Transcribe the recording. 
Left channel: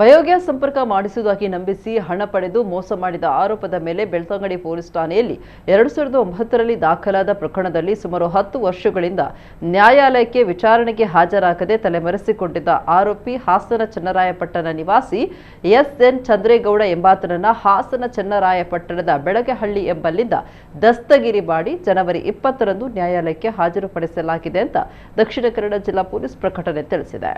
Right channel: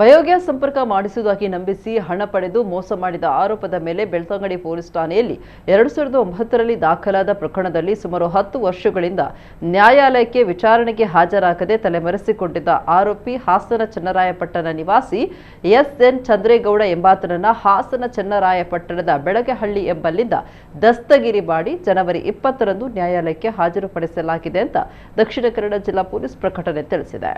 Biogas ಸಂಪರ್ಕ ಮಾಡಿಸುವುದಾಗಿ ನಂಬಿಸಿ ಹಣ ಪಡೆದು ಮೋಸ ಮಾಡಿದ ಆರೋಪದ ಮೇಲೆ ಬೆಳ್ತಂಗಡಿ ಪೊಲೀಸ್ ಠಾಣೆಯಲ್ಲಿ 2009ರಲ್ಲಿ ದಾಖಲಾದ ಪ್ರಕರಣದಲ್ಲಿ ಸುಮಾರು 10 ವರ್ಷಗಳಿಂದ ನ್ಯಾಯಾಲಯಕ್ಕೆ ವಿಚಾರಣೆಗೆ ಹಾಜರಾಗದೆ ತಲೆಮರೆಸಿಕೊಂಡಿದ್ದ ಆರೋಪಿ ಹಾಸನ ಚನ್ನರಾಯಪಟ್ಟಣ ನಿವಾಸಿ ಎಸ್ಎನ್ ಚಂದ್ರೇಗೌಡ ಎಂಬಾತನನ್ನ ಹಾಸನ ಚನ್ನರಾಯಪಟ್ಟಣದ ಬೆಳಗೆಹಳ್ಳಿ ಎಂಬಲ್ಲಿಂದ ದಸ್ತಗಿರಿ ಮಾಡಿ ಜನವರಿ 20ರಂದು ನ್ಯಾಯಾಲಯಕ್ಕೆ ಹಾಜರುಪಡಿಸಲಾಗಿದೆ ಅಂತ ದಕ್ಷಿಣ ಕನ್ನಡ ಜಿಲ್ಲಾ ಪೊಲೀಸ್ ಪ್ರಕಟಣೆ ತಿಳಿಸಿದೆ.